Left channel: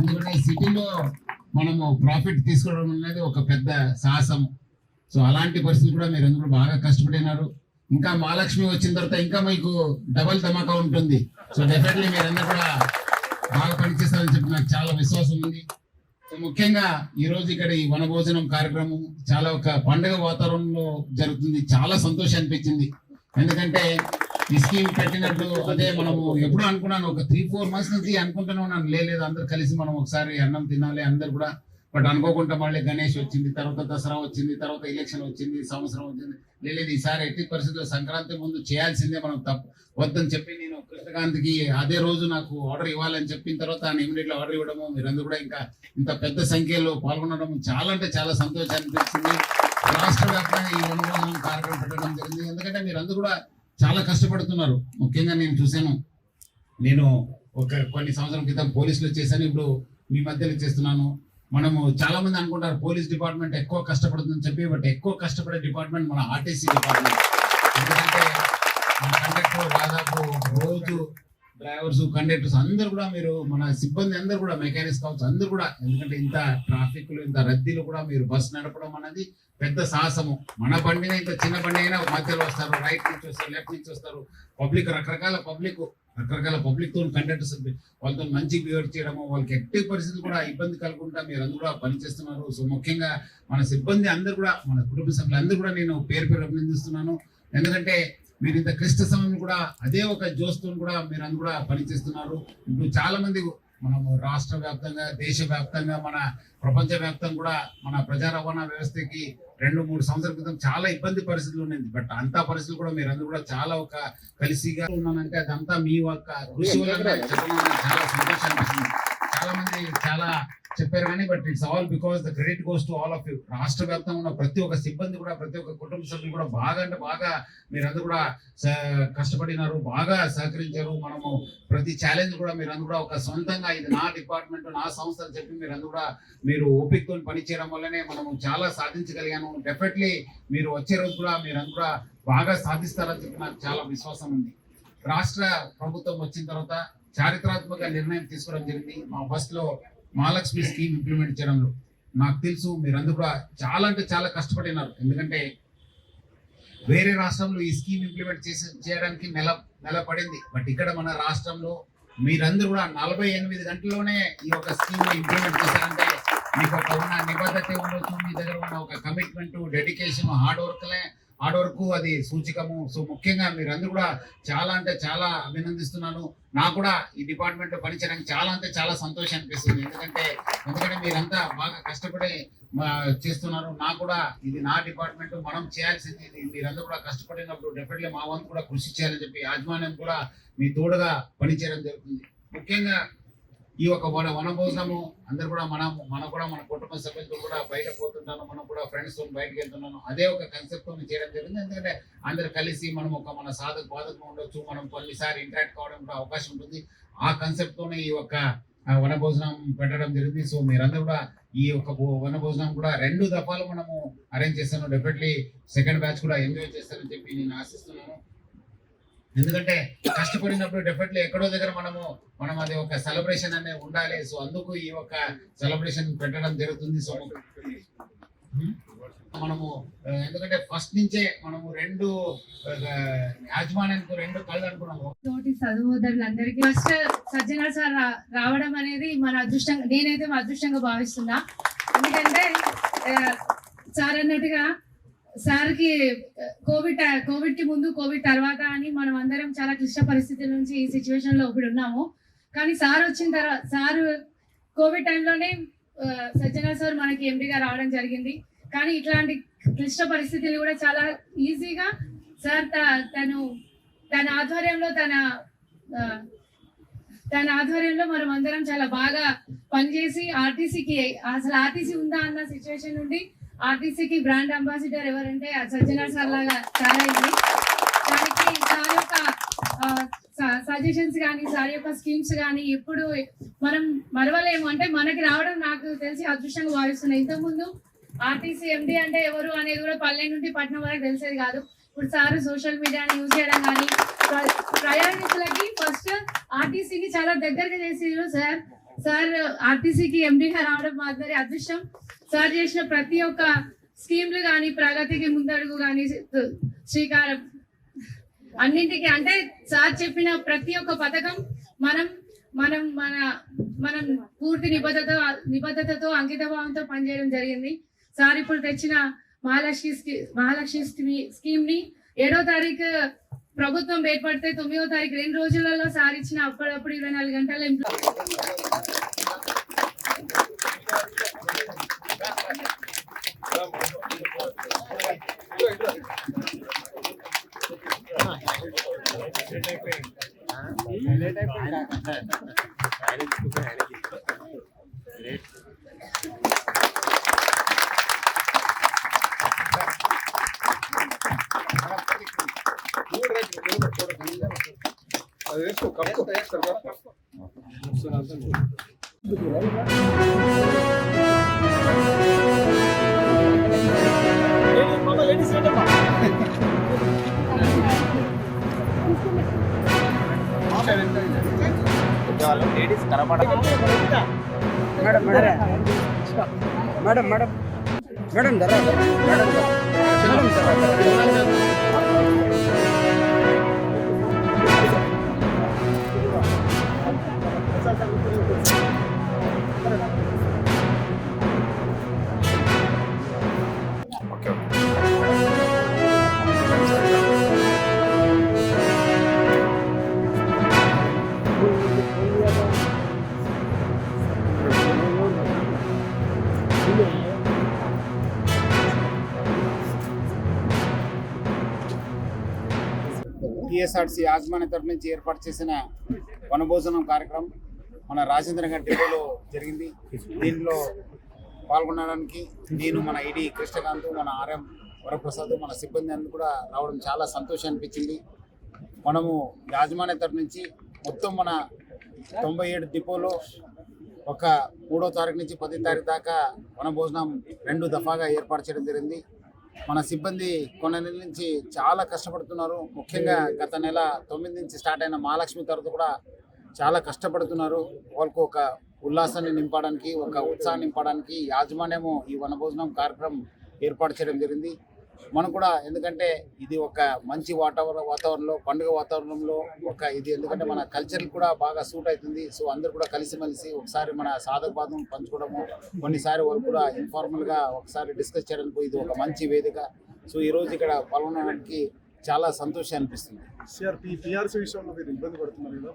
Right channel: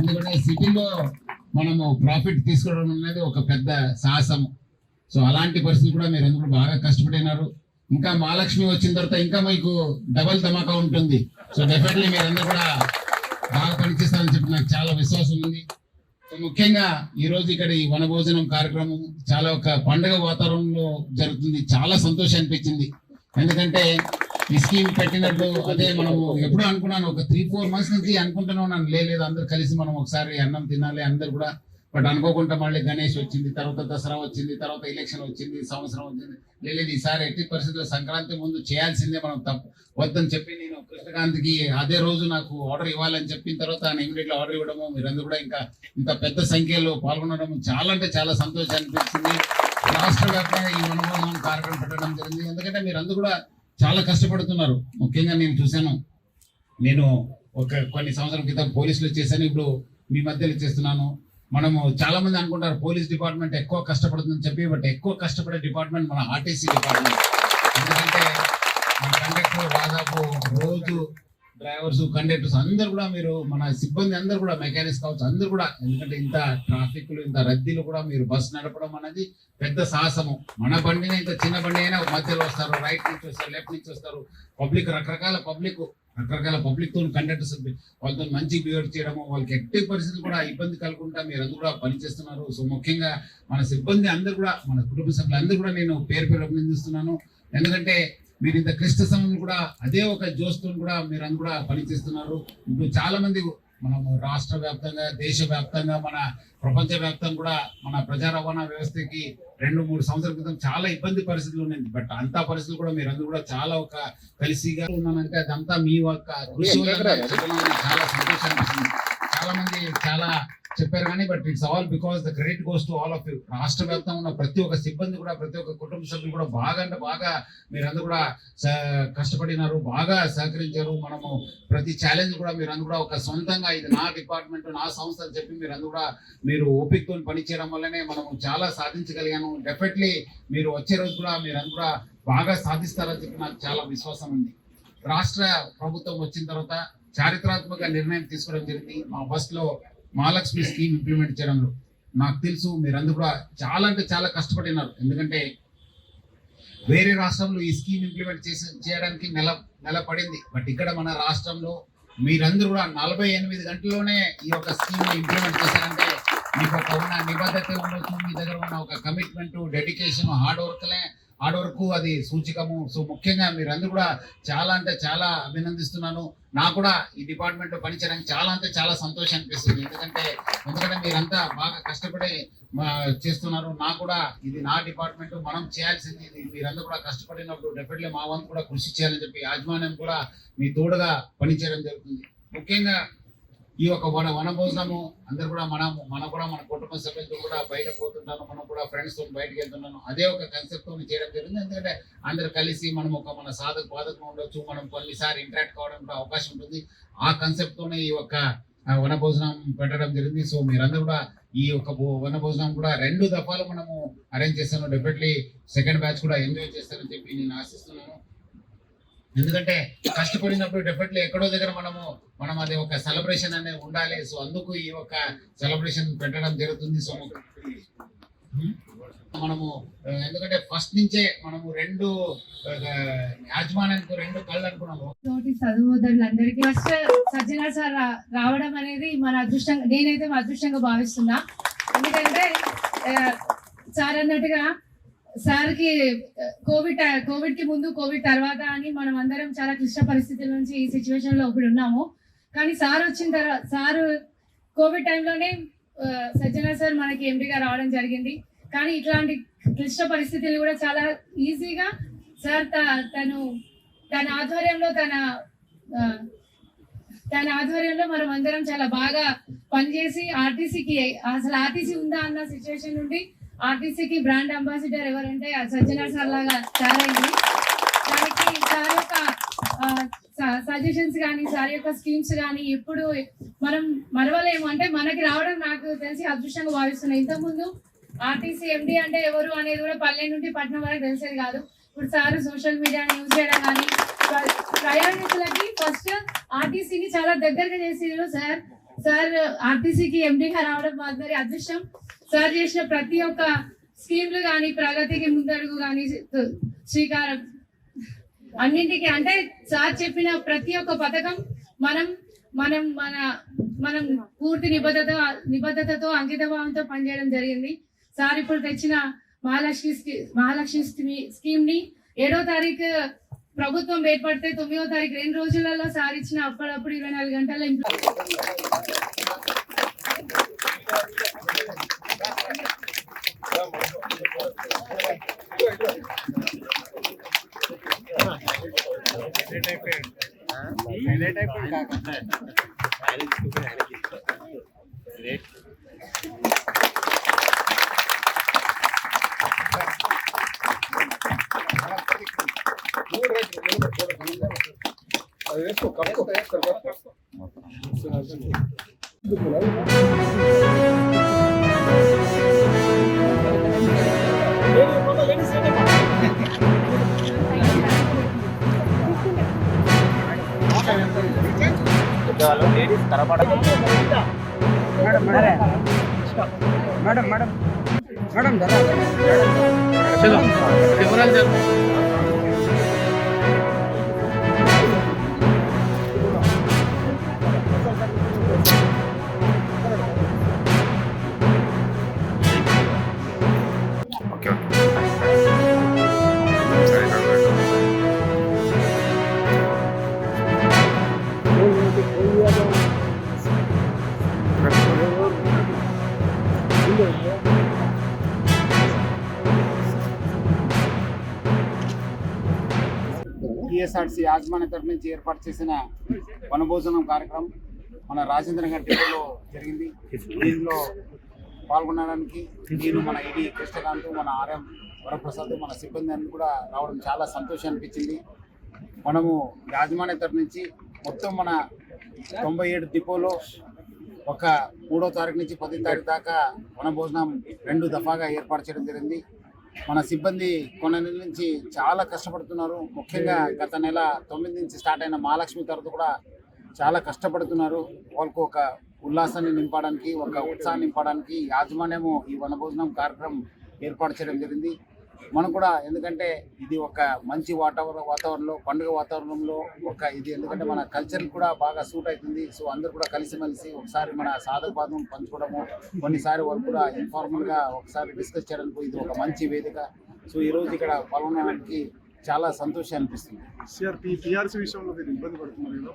ఎందుకంటే సిటీలో మనము ప్రాఫిట్ తీసుకోవడం అనేది ఒక పెద్ద సాహసం. సో అలాంటి పరిస్థితి కూడా మీరు అందరూ బాగా కష్టపడినారు. ఇంకా మహాలక్ష్మి వచ్చిన తర్వాత ఇంకా మీకు డబల్ ధమాకా ఉంటుంది. సో డెఫినెట్లీ మీరందరూ కూడా బాగా పనిచేస్తారని చెప్పి నాకు చాలా విశ్వాసం ఉంది. సో ముఖ్యంగా ఈ రోజు ఇక్కడ ఈ వనభోజనం కార్యక్రమం చాలా ఒక పండుగ వాతావరణంలో జరుగుతుంది. చాలా సంతోషం అనిపించింది. ఎందుకంటే ఈ స్కీమ్ పెట్టినట్టు అదే మనము ఎప్పుడు అనుకున్నాను, ఒక 3-4 months నుంచి అనుకుంటూనే ఉన్నాను, లేదు అందరు కలిసి మనం ఒకసారి అన్నం తినాలి అందరు కూడా. బట్ అనుకోకుండా మళ్ళీ గణేష్ వచ్చింది, తర్వాత దసరా వచ్చింది, తర్వాత ఎలక్షన్ వచ్చింది, సంవత్సరం వచ్చింది. లేదు ఈసారి ఎట్టి పరిస్థితుల్లో సంక్రాంతి ముందు చేయాల్సిందే మనం తప్పు వద్దని చెప్పి నేను కృష్ణకాంత్కి అదే రోజు నాకు ఆర్డర్ ఇవ్వాలని చెప్పిన తర్వాత ఆయన ఇమీడియట్లీ ఆర్డర్ ఇవ్వడము, మీరందరూ కూడా ఇంకా ఇంత పెద్ద సంఖ్యలో పాల్గొనడం చాలా అంటే చాలా సంతోషం అనిపించింది. రాష్ట్ర వ్యాప్తంగా ఈ వనభోజనం కార్యక్రమం పెట్టడం జరిగింది. ఎందుకంటే మీరందరూ కూడా చాలా కష్టపడుతున్నారు. ముఖ్యంగా నేను చూశాను, నేను కొన్ని సంవత్సరాల క్రితం పోలీసులు చేశాను, ఇప్పుడు మీ మధ్యలో చేస్తున్నాను. మనము చాలా మంది అనుకుంటారు పోలీస్ డిపార్ట్మెంట్ ఎక్కువ కష్టపడుతుందని చెప్పి, బట్ ఎక్కువ కష్టపడే డిపార్ట్మెంట్ మన ఆర్టీసీ డిపార్ట్మెంట్. ఎందుకంటే మన కండక్టర్ దాదాపు రోజు డ్రైవర్స్ కండక్టర్స్ అందరు కూడా మీరు మన సిబ్బంది అందరు కూడా మెకానిక్స్ కావచ్చు అందరు కూడా, ఎందుకంటే ఇంత ట్రాఫిక్లు ఇంత రద్దీలు కూడా మీరు బస్సు నడపడం అనేది పెద్ద సాహసము. మన బండినే ఇంత చిన్న బండి అయినా మధ్యలో వస్తారు, రైట్ నుంచి వస్తారు, లెఫ్ట్ నుంచి వస్తారు, రకరకాల పబ్లిక్ తో కండక్టర్స్ వాళ్ళతో మంచి బిహేవ్ చేయడము, వాళ్ళకి ఎట్టి పరిస్థితులు కూడా ఇబ్బంది కలగకుండా మీరు అందరూ కూడా పనిచేస్తున్నారు. సో ముఖ్యంగా మన సిబ్బంది అందరు కూడా, మన కుటుంబ సభ్యులు అందరూ కూడా నేను పేరు అభినందిస్తున్నాను. ఎందుకంటే మీరు ఇంత క్లిష్ట సమయం కూడా అదే ఒక జోస్తో కూడా మీరు అందరూ కూడా పనిచేస్తున్నారు. ఇప్పుడు చాలా మంది మనము రాష్ట్ర వ్యాప్తంగా, దేశ వ్యాప్తంగా, మన ప్రపంచ వ్యాప్తంగా కూడా మన ప్రజా రవాణా వ్యవస్థకి 2-3 సంవత్సరాల క్రితం చాలా ఇబ్బంది పరిస్థితులు ఉన్నాయి. బట్ అంతా పరిస్థితులు కూడా మీరందరూ కూడా చాలా ఒక కలిసిగా ఉన్నానంటే అదంతా మీ యొక్క కృషి వల్ల చాలా సంతోషాన్ని. చాలా మంది చాలా చెప్పారు కానీ but it's all because the credit goes to all of you. రాష్ట్ర వ్యాప్తంగా ఉన్న ప్రతి ఒక్క సిబ్బంది కూడా, ప్రతి ఒక్క కుటుంబ సభ్యులు కూడా బాగా అంటే బాగా మీరందరూ కూడా కష్టపడినారు, బాగా సహకరించారు. మనము ప్రతి ఛాలెంజ్ కూడా మీరందరూ కూడా ఒక సొంతంగా ఇది నా డిపార్ట్మెంట్ నా సంస్థ అని చెప్పి మీరందరూ కూడా మీరు ఓపికతో పనిచేయడం వల్లనే మనము చాలా సాధించగలిగాను. డెఫినెట్లీ మీరు వచ్చే రోజు కూడా మీరందరూ కూడా బాగా సాధిస్తారని చెప్పి నాకు చాలా విశ్వాసం ఉంది. రాష్ట్ర ప్రభుత్వం వచ్చిన తర్వాత చారిత్రాత్మక నిర్ణయం తీసుకోవడం జరిగింది. మా బస్సులో మహాలక్ష్మి స్కీమ్ ఇంప్లిమెంట్ చేయడంలో నాకు తెలుసు మీరందరూ కూడా చాలా అంటే చాలా కష్టపడినారు. ఎందుకంటే వేరే రాష్ట్రంలో ఈ స్కీమ్ ఇంప్లిమెంట్ చేయడానికి నెల పడింది. బట్ ఇక్కడ మన రాష్ట్రంలో మీరందరూ కూడా 48 గంటల్లోనే ఈ యొక్క స్కీమ్ ఇంప్లిమెంట్ చేశారంటే మీకు ఒక ఉన్న నిబద్ధత ఉండొచ్చు, మీ దగ్గర ఉన్న ఒక కమిట్మెంట్, డెడికేషన్, హార్డ్ వర్క్ అది సూచికము. సో ముఖ్యంగా మీరందరూ కూడా చాలా అంటే చాలా అభినందిస్తున్నాను. నాకు కూడా ఈ డిపార్ట్మెంట్ లో పనిచేయడానికి చాలా అంటే చాలా సంతోషం అనిపిస్తుంది. ఎందుకంటే మీరంతా బాగా కష్టపడి చేస్తున్నారు. నాకు కూడా ఇది నా డిపార్ట్మెంట్, మనం చేయాల్సింది ఇది. మీరందరూ కూడా కష్టపడినప్పుడు డెఫినెట్లీ మా వంతు కూడా కృషి చేయాలని చెప్పి యాజమాన్యం కూడా మీ తోడుగా పనిచేయడం జరుగుతుంది. ముఖ్యంగా ఈ యొక్క వనభోజనము అందరు కూడా మన కుటుంబ సభ్యులతో కూడా బయట పోతుంటాను, మనం కూడా ఫ్రెండ్స్ తో బయటకు వెళ్తున్నాను. అదే ఒక కాన్సెప్ట్ తో చేయడం జరిగింది. ఎందుకంటే అందరు కలిసి మనం మన బాధకం ఉండొచ్చు, మనం కొన్నిసారి ఇంటరాక్ట్ కావడం కూడా అవకాశం ఉంటుంది. ఆ కాన్సెప్ట్ తోనే ఈ యొక్క వనభోజనం పెట్టడం జరిగింది. సో మీరందరూ కూడా ఈ యొక్క వనభోజనం కూడా 2 దఫాలు మనము అరేంజ్ చేస్తాను. డెఫినెట్లీ సెకండ్ బ్యాచ్ కూడా ఎంజాయ్ చేస్తారని చెప్పి నేను ఆశిస్తున్నాను. ఎందుకంటే కష్టపడినప్పుడు డెఫినెట్లీ ఎక్కడో దగ్గర మనం అది ఒక సెలబ్రేషన్ అనేది ఉండాలి. సో అందుకు ఈ ఒక సెలబ్రేషన్ పెట్టడం జరుగుతుంది. సో మనము ఎందుకంటే ఫస్ట్ నుంచే మనము 2 యాజమాన్యానికి 2 కళ్ళు అనుకున్నాము. తోటి చదువుదారులందరికీ ఫస్ట్ సజ్జన సార్ రావడం అనేది మన అదృష్టంగా, నేనైతే మా అదృష్టంగా భావిస్తున్నా. ఎందుకంటే సార్ అన్నట్టుగా సార్కి కోవిడ్ కి ముందు, కోవిడ్ తర్వాత అని మనం అందరం చాలా క్లిష్ట పరిస్థితుల నుంచి ఈ సిచ్యువేషన్ లో ఇప్పుడు ఉన్నాము. కానీ సార్ వచ్చిన తర్వాత, సార్ కోవిడ్ టైంలోనే సజ్జన సార్ మనకి ఎంపీగా రావడం జరిగింది. కానీ ఇట్లాంటి క్లిష్ట పరిస్థితులు కూడా చాలా ఈజీగా సార్ తన ఆధ్వర్యంలో మనం అందరం చాలా బాగా పనిచేసి ఆర్టీసీ ఉందా అన్న సిచ్యువేషన్ నుండి ఆర్టీసీకి బ్రాండ్ అంబాసిడర్ ఎవరంటే సజ్జన సార్ లాగా తయారైంది. దానికి సార్ యొక్క సజెషన్స్ కానీ, సార్ యొక్క స్కీమ్స్ కానీ ఎప్పుడు మనం మరవలేము. అంటే మనకి రావడం నాకు తెలిసి అదృష్టంగా భావిస్తున్నాయి. ఇంతకుముందు ఆర్టీసీ ఎండి అంటే ఎవరు అనేది కూడా పల్లె నుండి పట్టణం వరకు తెలిసేది కాదు. ఇప్పుడు సార్ సోషల్ మీడియాని యూజ్ చేయడం కానీ, ప్రయాణికులకి ఫస్ట్ ఆర్టీసీని చాలా దగ్గరగా చేసిరు సార్ ఆర్టీసీకి ఎండీగా రావడం మా అందరి అదృష్టం. సార్ చేసిన ప్రతి ఒక్క స్కీమ్లు కానీ ప్రగతికి ముందడుగు కానీ శ్రీకారం అన్నింటికి అంటే సార్ చెప్పిన ప్రతి ఒక్క పథకం మనం మనం మన మనం పూర్తి నిబద్ధతతో అంకితభావంతో పనిచేయడం జరిగింది. సార్ ఇప్పుడు తెచ్చిన మహాలక్ష్మి స్కీమ్ ని 7వ తారీఖు ప్రభుత్వం ఏర్పడితే 9వ తారీఖు 2 రోజులలో సార్ ఇచ్చిన అప్పుడప్పుడు 24 గంటల ladies కనపడ madam madam madam TSRC యాజమాన్య తరఫు నుంచి ఏర్పాటు చేసిన వనభోజనం కార్యక్రమం మన రాజేంద్ర గారి డిపోలో జరిగింది. దీనిలో పాల్గొనడానికి నేను మన ఐడి కృష్ణకాంత్, మన ఆర్ఎం వరప్రసాద్, మన సిబ్బంది అందరూ కూడా రావడం చాలా సంతోషం అనిపించింది. మనము యాజమాన్య తరఫు నుంచి మొత్తం మన 97 డిపోలో ఒక 3వ తారీఖు నుంచి 10వ తారీఖు దాకా వనభోజనం 2 దఫాగా ఏర్పాటు చేయడం జరిగింది. మన సిబ్బంది కొన్ని నెలల నుంచి చాలా కష్టపడుతున్నారు. ముఖ్యంగా గత నెల 9 నుంచి స్టార్ట్ అయిన మహాలక్ష్మి తరఫు కూడా చాలా కష్టపడుతున్నారు. వాళ్ళకు ఒక ఉల్లాసాన్ని నింపడానికి, ఒక ఉత్సాహాన్ని నింపడానికి యాజమాన్యము ఈ వనభోజనం కార్యక్రమం ఏర్పాటు చేయడం జరిగింది. మనం కూడా ఎందుకంటే ఇది ఒక మంచి వాతావరణంలో పండుగ వాతావరణంలో ఇది ఎందుకంటే మన కల్చర్ కూడా బాగా సూట్ అవుతుంది. సో అందరూ కూడా కలిసిమెలిసి ఒకసారి మన సాధకబాధం పంచుకోవడము, కొన్నిసారి వాళ్ళు కూడా ఇన్ఫార్మల్గా ఒకసారి డిస్కస్ చేయడానికి ఇది ఒక మంచి వేదిక. సో ఈరోజు ఇక్కడ పాల్గొనడానికి చాలా సంతోషం అనిపిస్తుంది. పిఆర్సీ విషయంలో మీరు ఇబ్బంది పడుతున్నారు.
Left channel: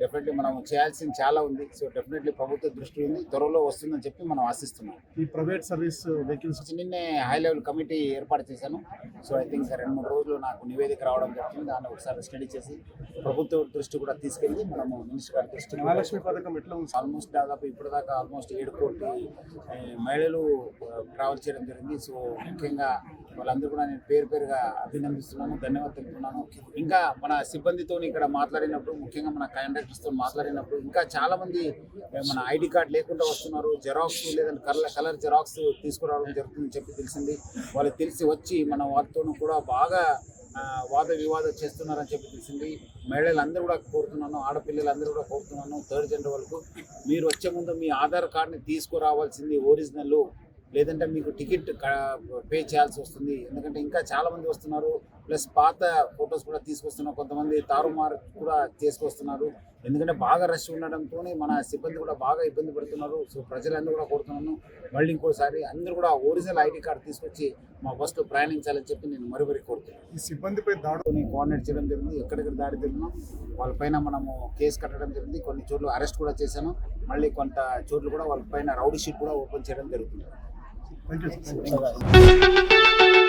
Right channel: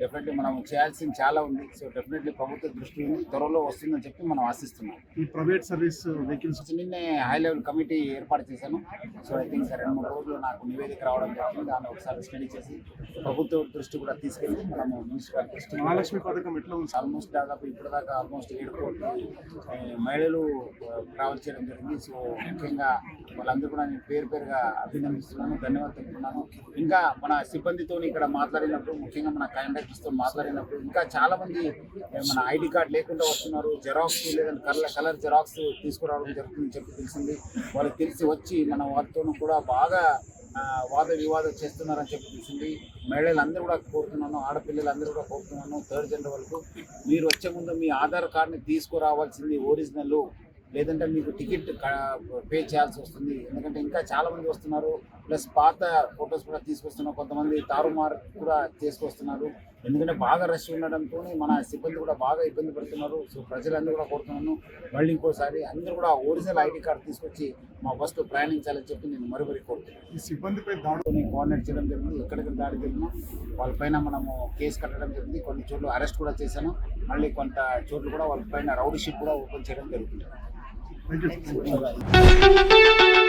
డెఫినెట్లీ మనం చేయాల్సింది చాలా ఉంది. సో డెఫినెట్లీ ప్రభుత్వ దృష్టి ఉంది, త్వరలో వస్తుందని చెప్పి మనం ఆశిస్తున్నాం. ఈ ప్రైవేట్ సర్వీస్ వెహికల్స్ నిన్నే హై లెవెల్ కమిటీ ఏర్పాటు చేశాను. సో ఐ థింక్ 2-3 రోజులు నాకు నివేదిక రావడం జరిగింది. దాన్ని ఒకసారి స్టడీ చేసి ప్రభుత్వ దృష్టి కూడా తీసుకెళ్ళి మనము మున్సిపల్ దృష్టి మహాలక్ష్మి పథకం ఎట్లా ఉంది? ఆల్మోస్ట్ దాదాపు ఇప్పటిదాకా ఆల్మోస్ట్ 7 కోట్ల మహిళలు ట్రావెల్ చేయడం జరిగింది. సో ముఖ్యంగా వాళ్ళందరూ కూడా నేను పేరుగా అభినందిస్తున్నాను, ధన్యవాదాలు తెలుపుతున్నాను. ఇంకా మన సిబ్బందితో ఇక్కడ మాట్లాడినప్పుడు, ముఖ్యంగా మన కండక్టర్స్తో మాట్లాడినప్పుడు ఇంకా చాలా మంది మన ఐడి కార్డ్ లేకుండా వస్తున్నారు, జెరాక్స్ లేదంటే కలర్ జెరాక్స్ తీసుకురావడం జరుగుతుందని చెప్పి తెలిసింది. వాళ్ళకి తెలిసి వచ్చి మన వారితో కూడా బాగా వాద వివాదం చేస్తున్నారని చెప్పి తెలిసింది. మహిళలందరూ కూడా కోరుతున్నాను, ఆడపిల్లలందరూ కూడా కోరుతున్నాను, 3rd జెండర్ వరకు మీరు వచ్చే ముందు మీ ఆధార్ కార్డ్ని తీసుకురావాల్సింది ఒరిజినల్, లేదంటే మీకు టికెట్ పే చేయాల్సి వస్తుంది. ఎందుకంటే ఇంకా చాలామంది వస్తున్నారు, ప్లస్ పాత ఫొటోస్ కూడా తీసుకొస్తున్నారు, కొంతమంది తారుమారు కూడా తీసుకొస్తున్నారు. ఎందుకంటే బాగా రష్ ఉండడంతో మన సిబ్బంది కూడా బాగా ఇబ్బంది పడుతున్నారు. సో ప్రజలందరూ కూడా కోరుతున్నాను, మళ్ళీ ఇంకోసారి అందరూ కూడా ఒరిజినల్ ఐడి కార్డు తీసుకొచ్చి మా బస్సులో ప్రయాణించాలని చెప్పి నేను మరీ కోరుతున్నాను. ఈ సిబ్బందిపై దాడుని కోఆర్డినేట్ చేయడం జరిగింది. ఎక్కడెక్కడ దాడి జరిగినా వాళ్ళపైన మనము కేసు కట్టడం జరిగింది. కొన్ని చోట్ల అరెస్ట్ కూడా చేశాను. మళ్ళీ కొంత చోట్ల కూడా వాళ్ళపైన రౌడీ షీట్ కూడా ఓపెన్ చేయడం జరుగుతుంది. Thank you.